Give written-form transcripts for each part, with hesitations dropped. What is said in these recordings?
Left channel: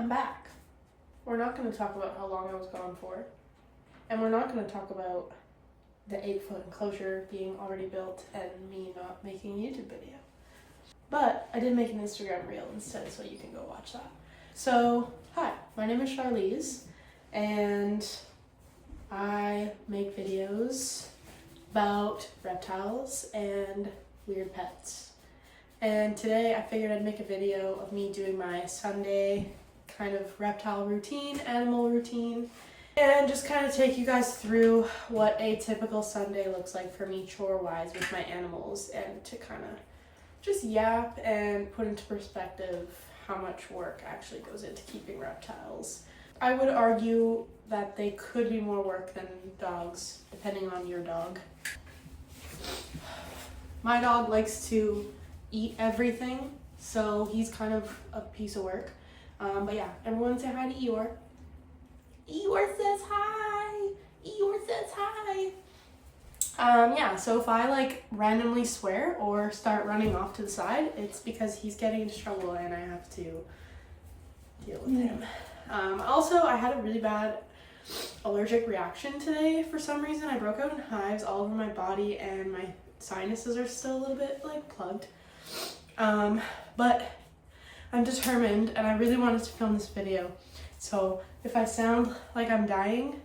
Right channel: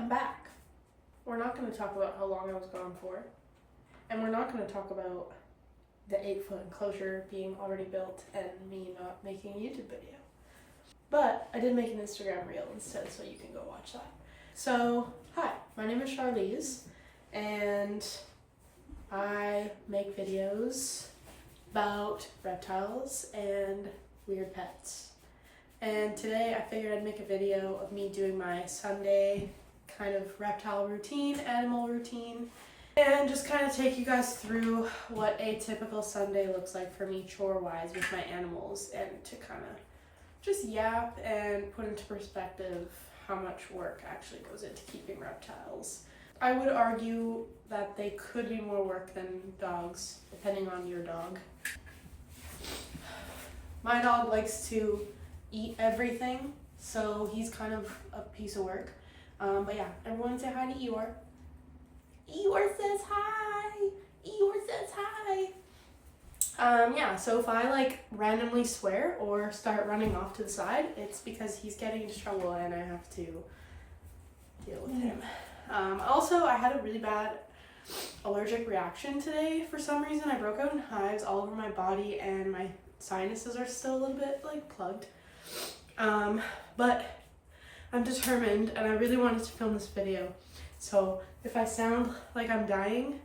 I'm back. We're not going to talk about how long I was gone for. And we're not going to talk about the 8-foot enclosure being already built and me not making a YouTube video. But I did make an Instagram reel instead, so you can go watch that. So, hi, my name is Charlize, and I make videos about reptiles and weird pets. And today I figured I'd make a video of me doing my Sunday kind of reptile routine, animal routine, and just kind of take you guys through what a typical Sunday looks like for me chore-wise with my animals, and to kind of just yap and put into perspective how much work actually goes into keeping reptiles. I would argue that they could be more work than dogs, depending on your dog. My dog likes to eat everything, so he's kind of a piece of work. But yeah, everyone say hi to Eeyore. Eeyore says hi! Eeyore says hi! Yeah, so if I like randomly swear or start running off to the side, it's because he's getting into trouble and I have to deal with him. Also, I had a really bad allergic reaction today for some reason. I broke out in hives all over my body and my sinuses are still a little bit like plugged. But I'm determined and I really wanted to film this video. So if I sound like I'm dying,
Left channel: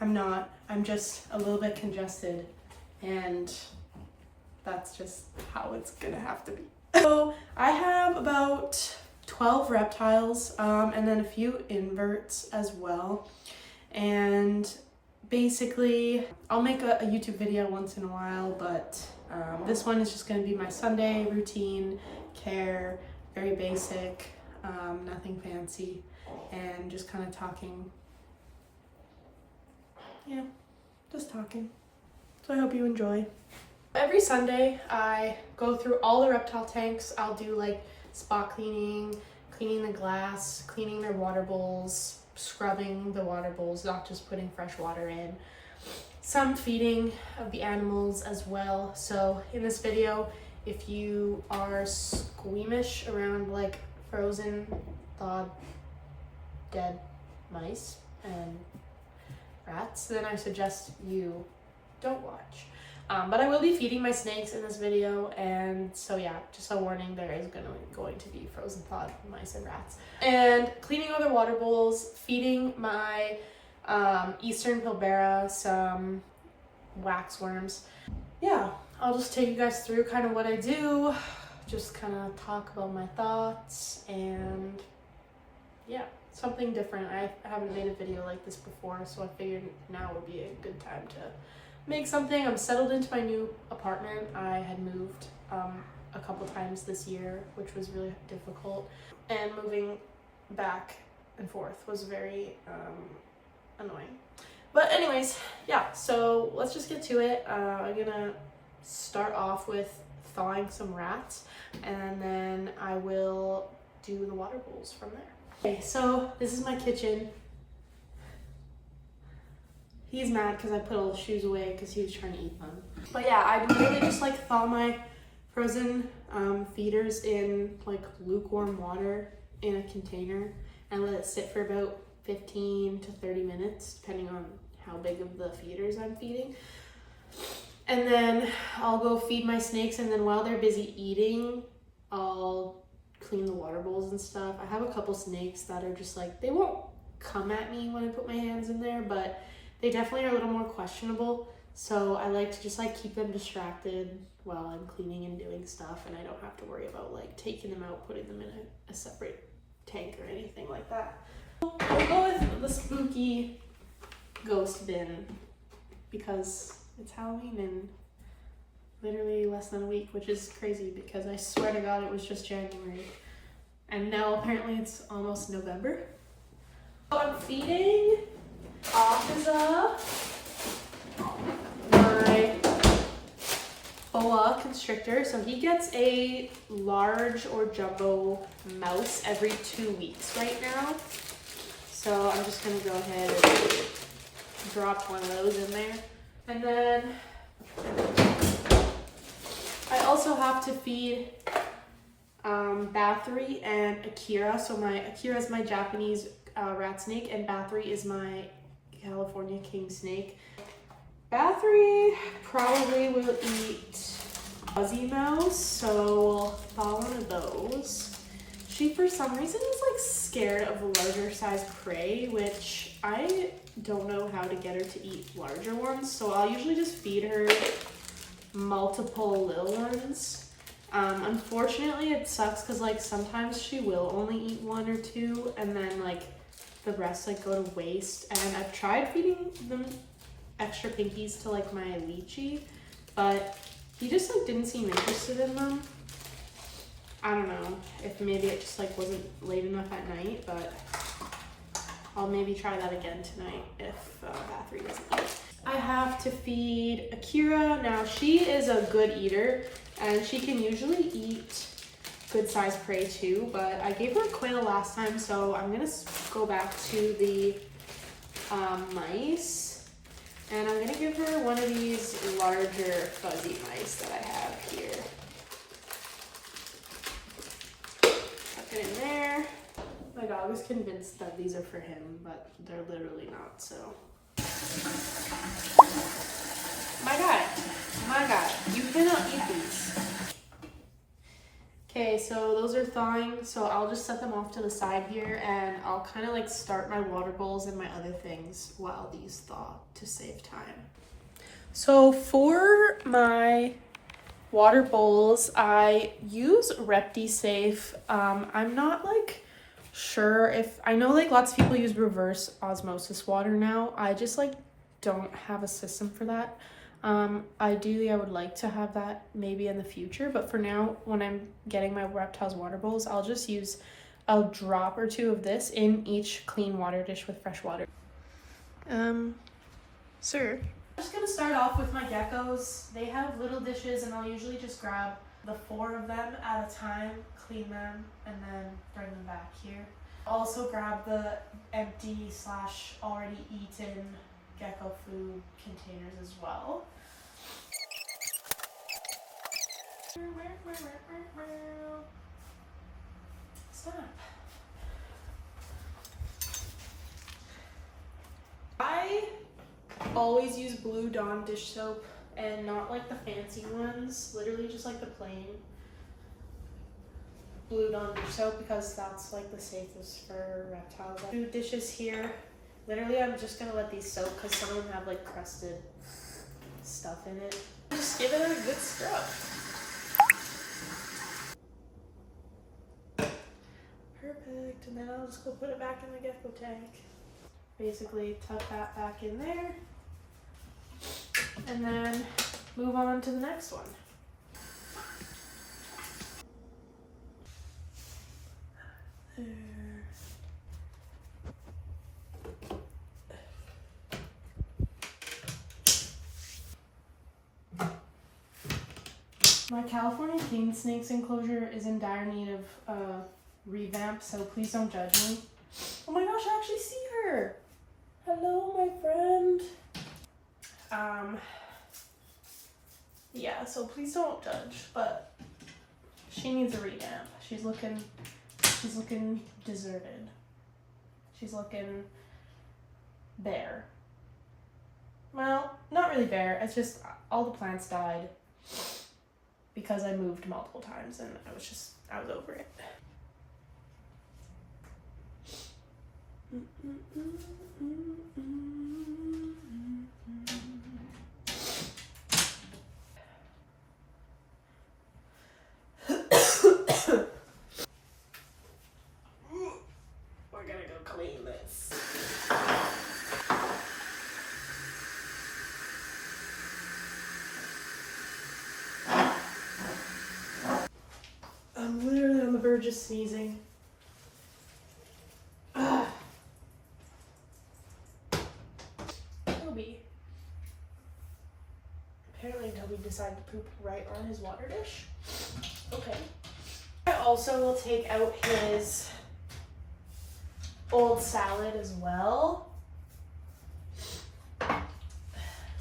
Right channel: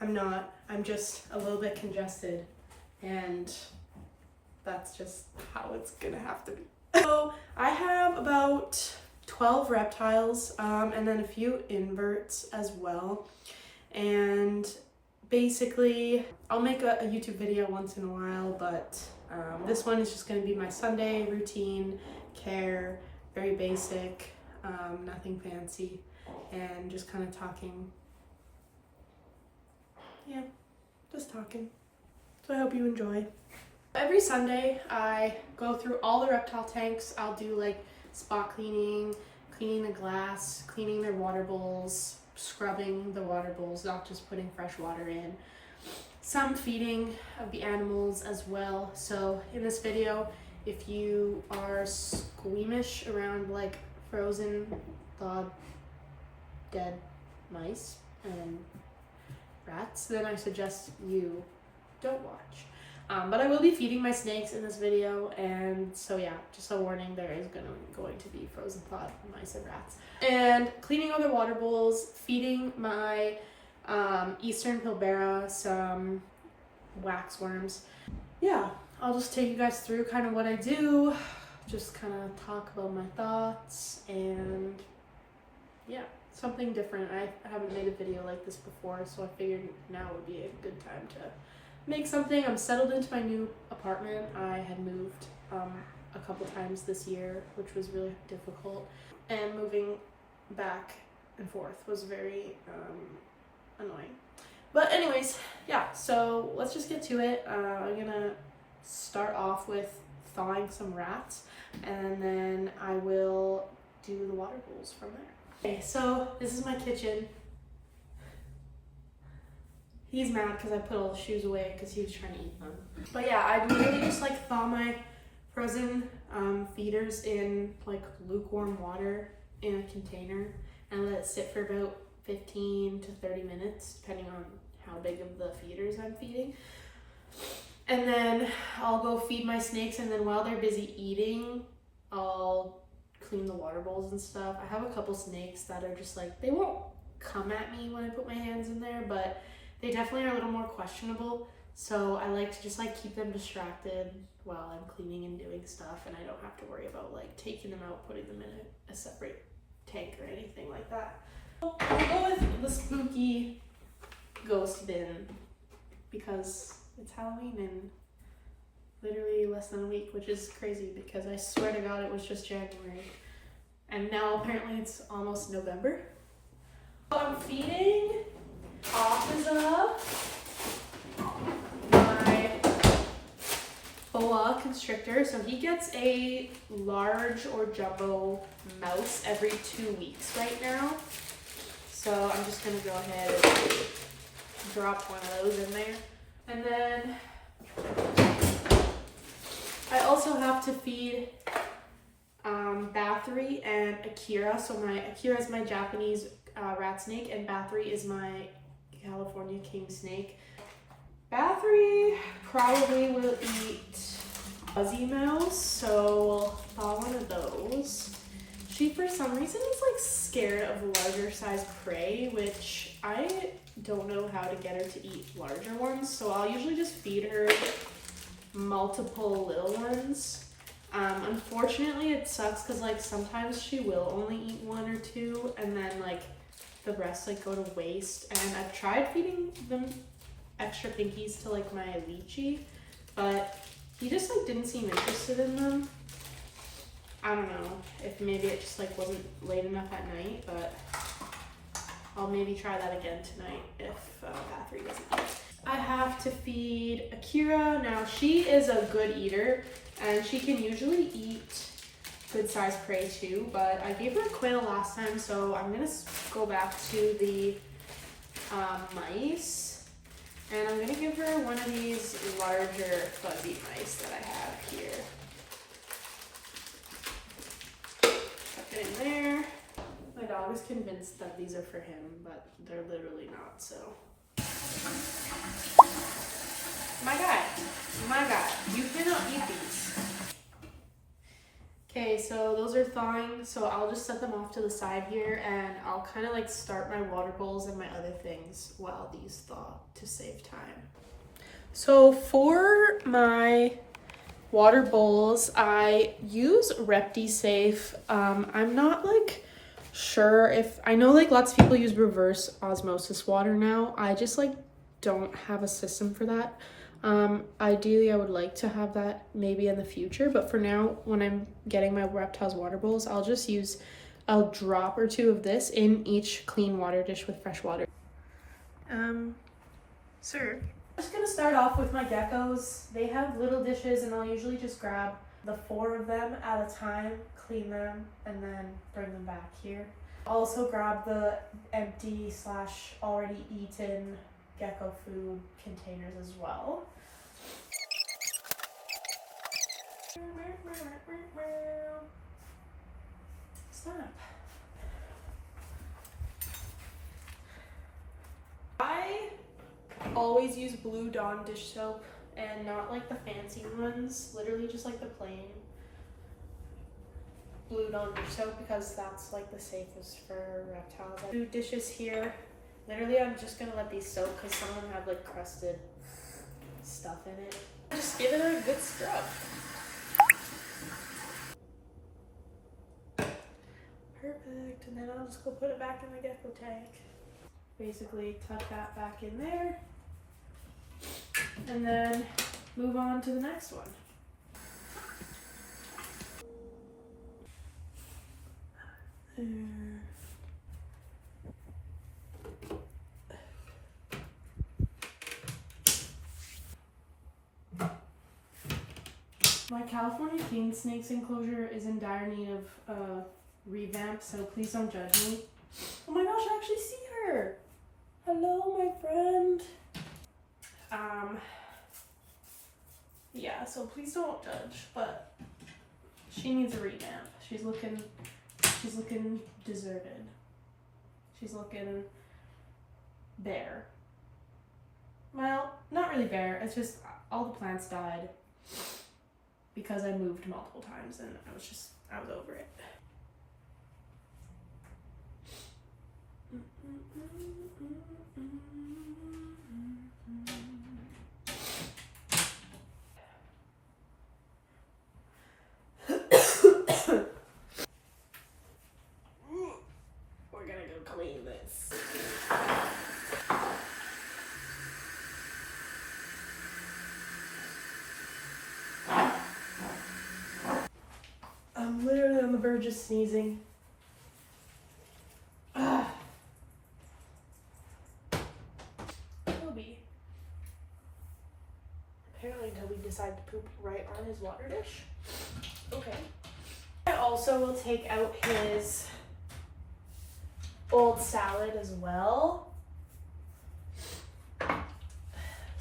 I'm not. I'm just a little bit congested, and that's just how it's gonna have to be. So I have about 12 reptiles and then a few inverts as well. And basically I'll make a YouTube video once in a while, but this one is just gonna be my Sunday routine, care, very basic, nothing fancy, and just kind of talking. Yeah, just talking. So I hope you enjoy. Every Sunday I go through all the reptile tanks. I'll do like spot cleaning, cleaning the glass, cleaning their water bowls, scrubbing the water bowls, not just putting fresh water in. Some feeding of the animals as well. So in this video, if you are squeamish around like frozen, thawed, dead mice and rats, then I suggest you don't watch. But I will be feeding my snakes in this video, and so yeah, just a warning, there is going to be frozen thawed mice and rats. And cleaning all their water bowls, feeding my eastern pilbara some waxworms. Yeah, I'll just take you guys through kind of what I do, just kind of talk about my thoughts, and yeah, something different. I haven't made a video like this before, so I figured now would be a good time to make something. I'm settled into my new apartment. I had moved a couple times this year, which was really difficult, and moving back and forth was very annoying. But anyways, yeah, so let's just get to it. I'm gonna start off with thawing some rats, and then I will do the water bowls from there. Okay, so this is my kitchen. He's mad because I put all the shoes away because he was trying to eat them. But yeah, I literally just like thaw my frozen feeders in like lukewarm water in a container and let it sit for about 15 to 30 minutes, depending on how big of the feeders I'm feeding. And then I'll go feed my snakes, and then while they're busy eating, I'll clean the water bowls and stuff. I have a couple snakes that are just like, they won't come at me when I put my hands in there, but they definitely are a little more questionable. So I like to just like keep them distracted while I'm cleaning and doing stuff, and I don't have to worry about like taking them out, putting them in a separate tank or anything like that. I'll go with the spooky ghost bin because it's Halloween in literally less than a week, which is crazy because I swear to God it was just January. And now apparently it's almost November. I'm feeding Akaza my boa constrictor. So he gets a large or jumbo mouse every 2 weeks right now. So I'm just gonna go ahead and drop one of those in there. And then I also have to feed Bathory and Akira. So Akira is my Japanese rat snake, and Bathory is my California king snake. Bathory probably will eat fuzzy mouse, so we'll thaw one of those. She, for some reason, is like scared of larger size prey, which I don't know how to get her to eat larger ones, so I'll usually just feed her multiple little ones. Unfortunately, it sucks because like sometimes she will only eat one or two, and then like the rest like go to waste. And I've tried feeding them extra pinkies to like my lychee, but he just like didn't seem interested in them. I don't know if maybe it just like wasn't late enough at night, but I'll maybe try that again tonight if Bathory doesn't eat. I have to feed Akira. Now she is a good eater and she can usually eat good sized prey too, but I gave her a quail last time, so I'm gonna go back to the mice, and I'm gonna give her one of these larger fuzzy mice that I have here. Tuck it in there. My dog is convinced that these are for him, but they're literally not, so. My guy, you cannot eat these. Okay, so those are thawing, so I'll just set them off to the side here, and I'll kind of like start my water bowls and my other things while these thaw to save time. So for my water bowls, I use Reptile. I'm not like sure if, I know like lots of people use reverse osmosis water now. I just like don't have a system for that. Ideally I would like to have that maybe in the future, but for now when I'm getting my Reptiles water bowls, I'll just use a drop or two of this in each clean water dish with fresh water. Sir, I'm just gonna start off with my geckos. They have little dishes, and I'll usually just grab the 4 of them at a time, clean them, and then bring them back here. I'll also grab the empty / already eaten gecko food containers as well. Stop. I always use Blue Dawn dish soap, and not like the fancy ones, literally just like the plain Blue Dawn dish soap, because that's like the safest for reptiles. Food dishes here. Literally, I'm just gonna let these soak because some of them have like crusted stuff in it. Just give it a good scrub. Perfect, and then I'll just go put it back in the gecko tank. Basically, tuck that back in there, and then move on to the next one. There. My California king snake's enclosure is in dire need of revamp, so please don't judge me. Oh my gosh, I actually see her. Hello, my friend. Yeah, so please don't judge, but she needs a revamp. She's looking deserted. She's looking bare. Well, not really bare. It's just all the plants died because I moved multiple times, and I was over it. We're gonna go clean this. I'm literally on the verge of sneezing. Toby. Apparently Toby decided to poop right on his water dish. Okay. I also will take out his old salad as well.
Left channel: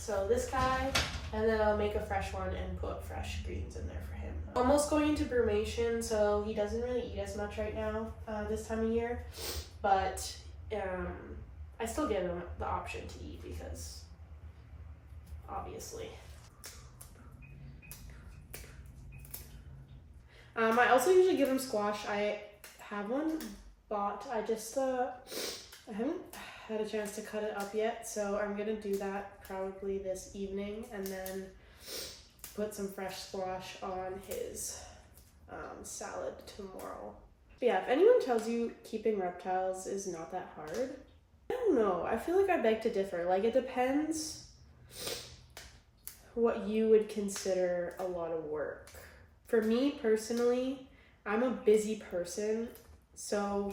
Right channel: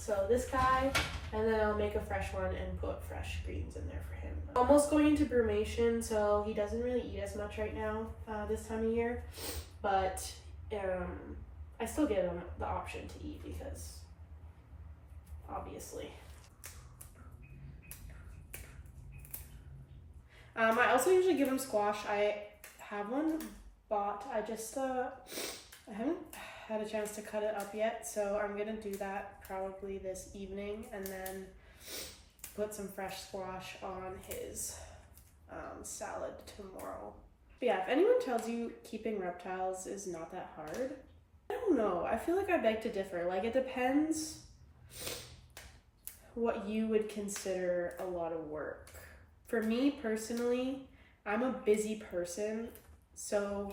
So this guy, and then I'll make a fresh one and put fresh greens in there for him. Almost going into brumation, so he doesn't really eat as much right now this time of year, but I still give him the option to eat because obviously. I also usually give him squash. I have one bought. I haven't had a chance to cut it up yet, so I'm gonna do that probably this evening and then put some fresh squash on his salad tomorrow. But yeah, if anyone tells you keeping reptiles is not that hard, I don't know. I feel like I beg to differ. Like, it depends what you would consider a lot of work. For me personally, I'm a busy person, so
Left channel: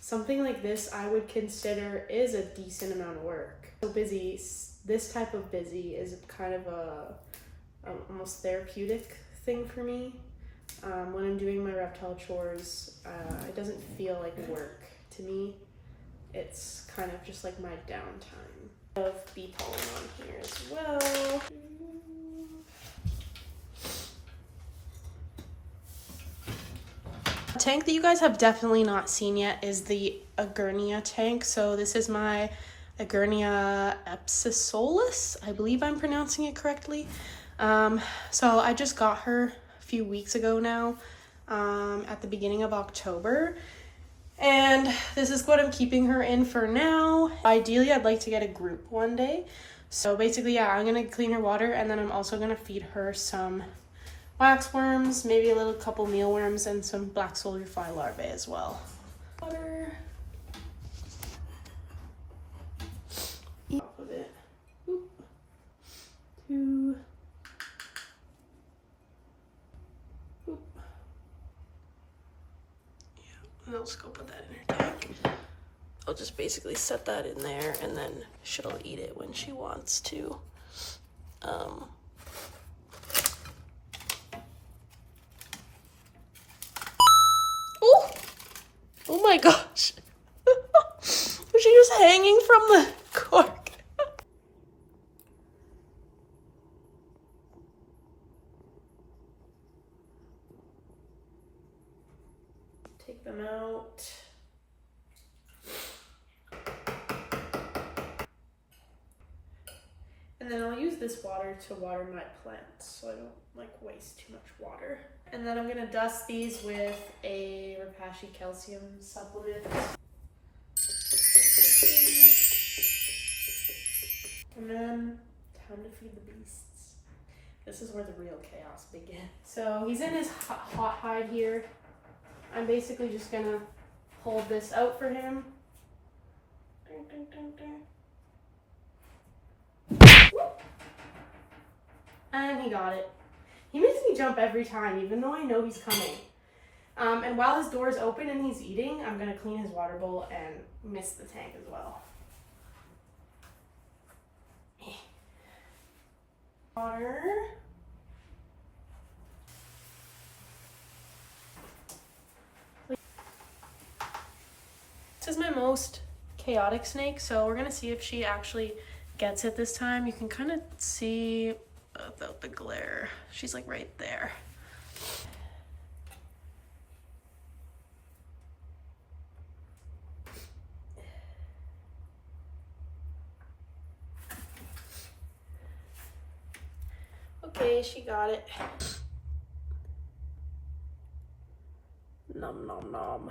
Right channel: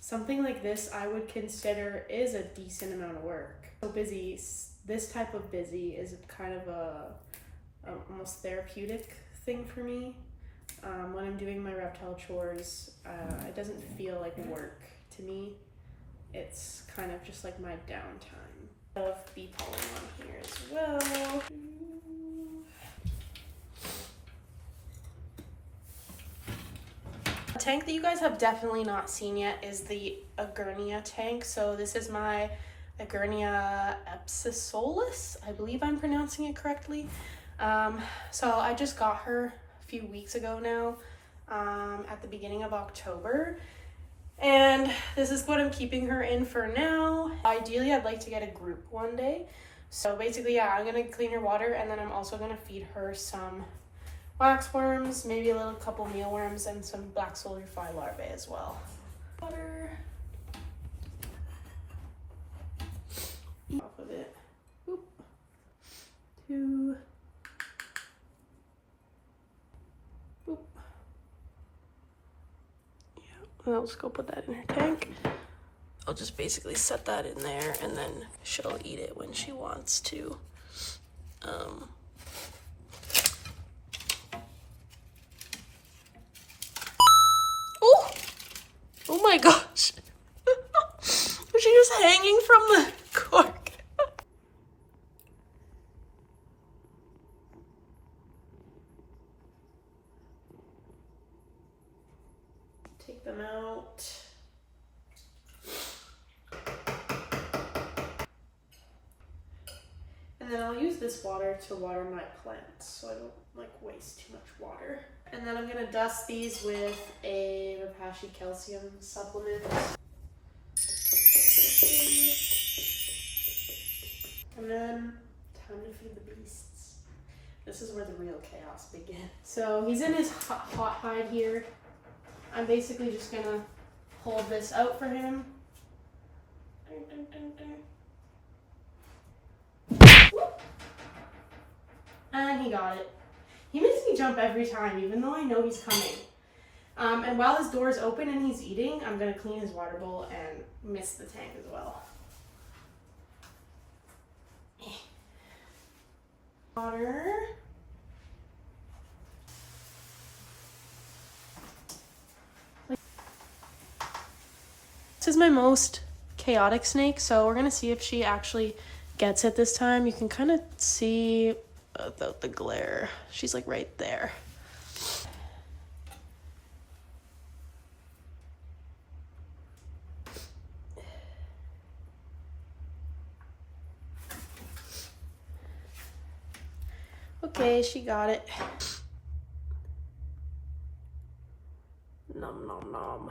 something like this I would consider is a decent amount of work. So busy, this type of busy is kind of a almost therapeutic thing for me. When I'm doing my reptile chores, it doesn't feel like work to me. It's kind of just like my downtime. Of bee pollen on here as well. A tank that you guys have definitely not seen yet is the Agurnia tank. So this is my Agurnia epsisolus. I believe I'm pronouncing it correctly. So I just got her a few weeks ago now, at the beginning of October. And this is what I'm keeping her in for now. Ideally, I'd like to get a group one day. So basically, yeah, I'm gonna clean her water, and then I'm also gonna feed her some waxworms, maybe a little couple mealworms, and some black soldier fly larvae as well. Water. Off of it. Oop. 2. Oop. Yeah, I'll just go put that in her tank. I'll just basically set that in there, and then she'll eat it when she wants to. Oh my gosh. She was hanging from the cork. Take them out. And then I'll use this water to water my plants so I don't like waste too much water. And then I'm gonna dust these with a Repashy calcium supplement. And then time to feed the beasts. This is where the real chaos begins. So he's in his hot hide here. I'm basically just gonna hold this out for him. And he got it. He makes me jump every time, even though I know he's coming. And while his door is open and he's eating, I'm gonna clean his water bowl and mist the tank as well. Water. This is my most chaotic snake, so we're gonna see if she actually gets it this time. You can kind of see the glare. She's like right there. Okay, she got it. Nom nom nom.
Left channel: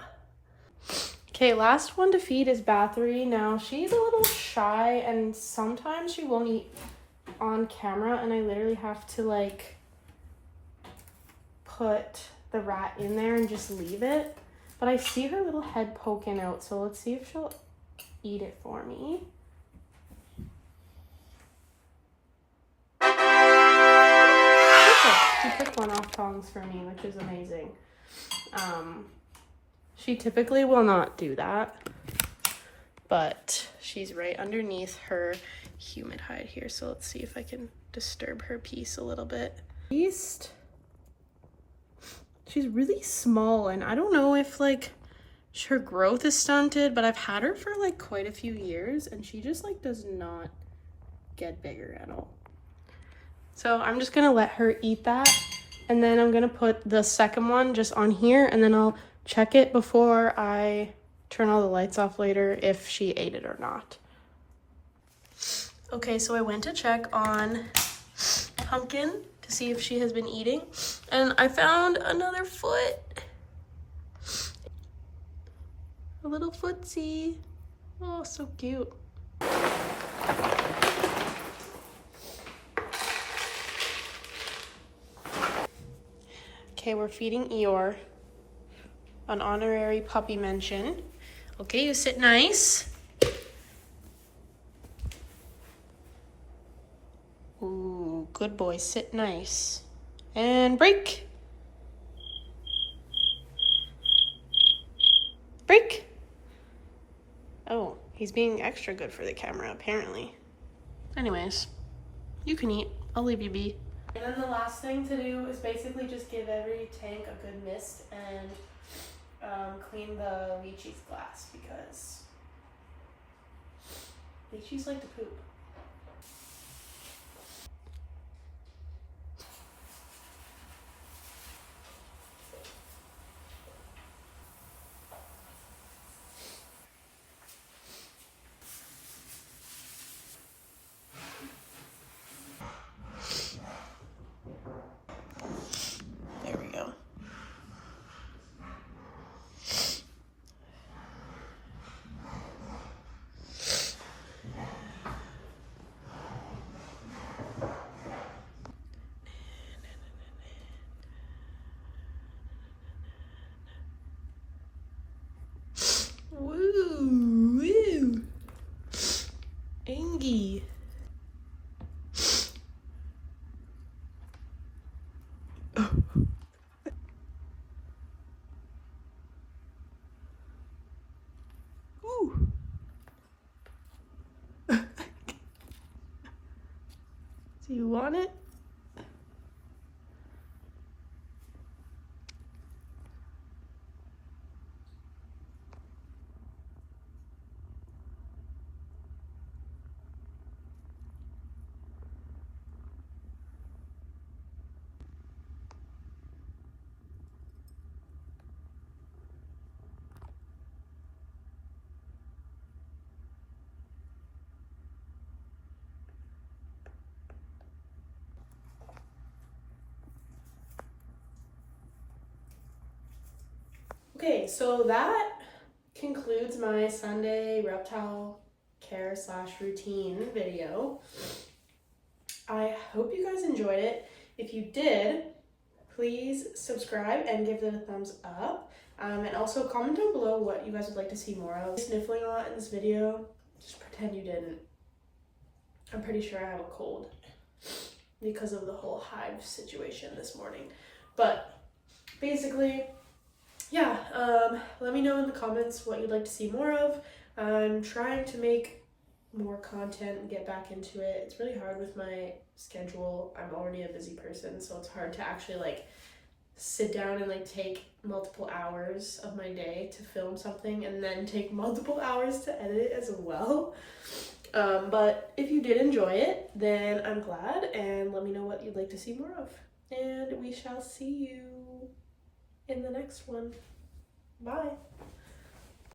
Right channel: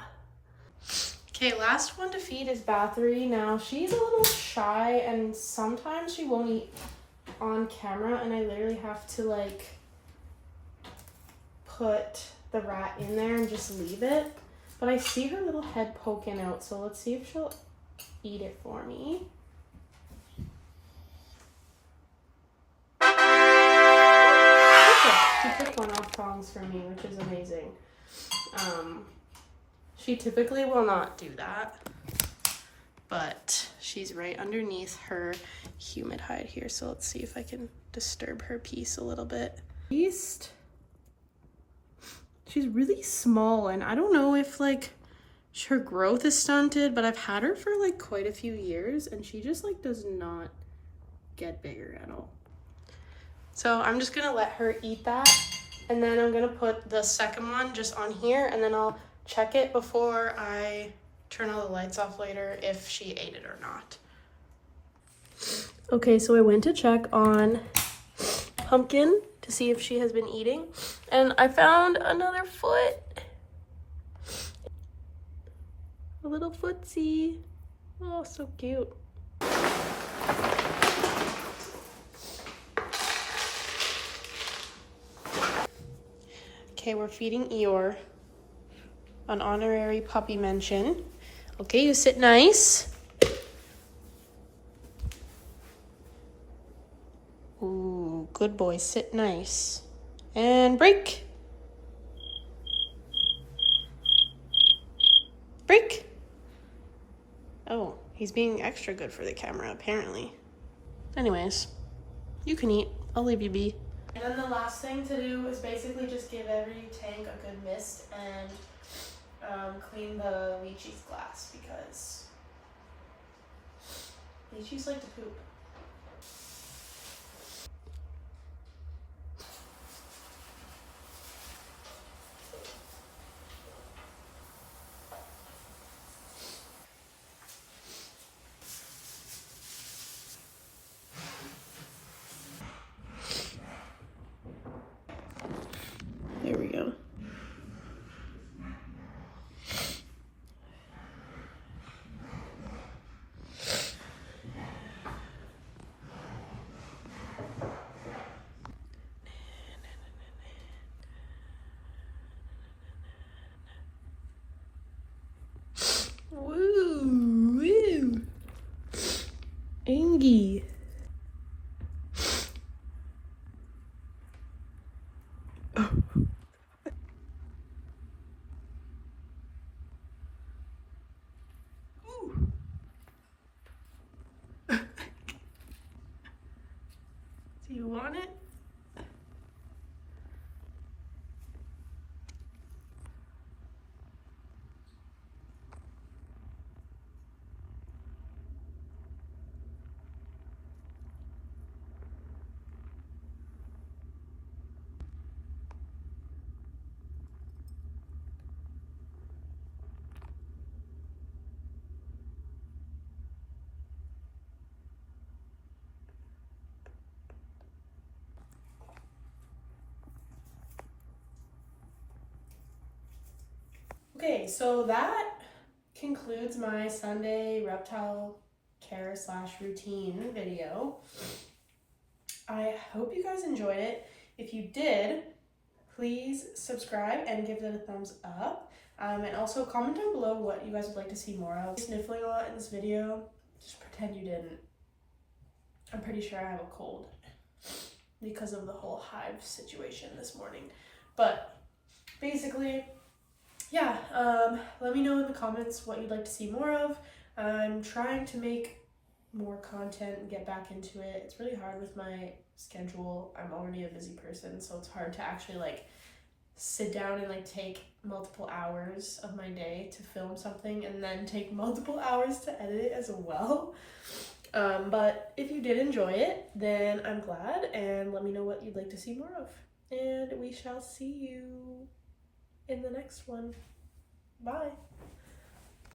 Okay, last one to feed is Bathory. Now, she's a little shy and sometimes she won't eat on camera, and I literally have to like put the rat in there and just leave it. But I see her little head poking out, so let's see if she'll eat it for me. She took one off tongs for me, which is amazing. She typically will not do that, but she's right underneath her humid hide here, so let's see if I can disturb her piece a little bit. She's really small, and I don't know if like her growth is stunted, but I've had her for like quite a few years, and she just like does not get bigger at all. So I'm just gonna let her eat that, and then I'm gonna put the second one just on here, and then I'll check it before I turn all the lights off later if she ate it or not. Okay, so I went to check on Pumpkin to see if she has been eating, and I found another foot. A little footsie. Oh, so cute. Okay, we're feeding Eeyore an honorary puppy mention. Okay, you sit nice. Ooh, good boy, sit nice. And break. Break. Oh, he's being extra good for the camera, apparently. Anyways, you can eat. I'll leave you be. And then the last thing to do is basically just give every tank a good mist and clean the lychee's glass, because lychees like to poop. There we go. Woo, woo. Angie. Oh. Ooh. Do you want it? Okay, so that concludes my Sunday reptile care / routine video. I hope you guys enjoyed it. If you did, please subscribe and give it a thumbs up. And also comment down below what you guys would like to see more of. Sniffling a lot in this video, just pretend you didn't. I'm pretty sure I have a cold because of the whole hive situation this morning. But basically, yeah, let me know in the comments what you'd like to see more of. I'm trying to make more content and get back into it. It's really hard with my schedule. I'm already a busy person, so it's hard to actually like sit down and like take multiple hours of my day to film something and then take multiple hours to edit it as well. But if you did enjoy it, then I'm glad, and let me know what you'd like to see more of. And we shall see you in the next one. Bye.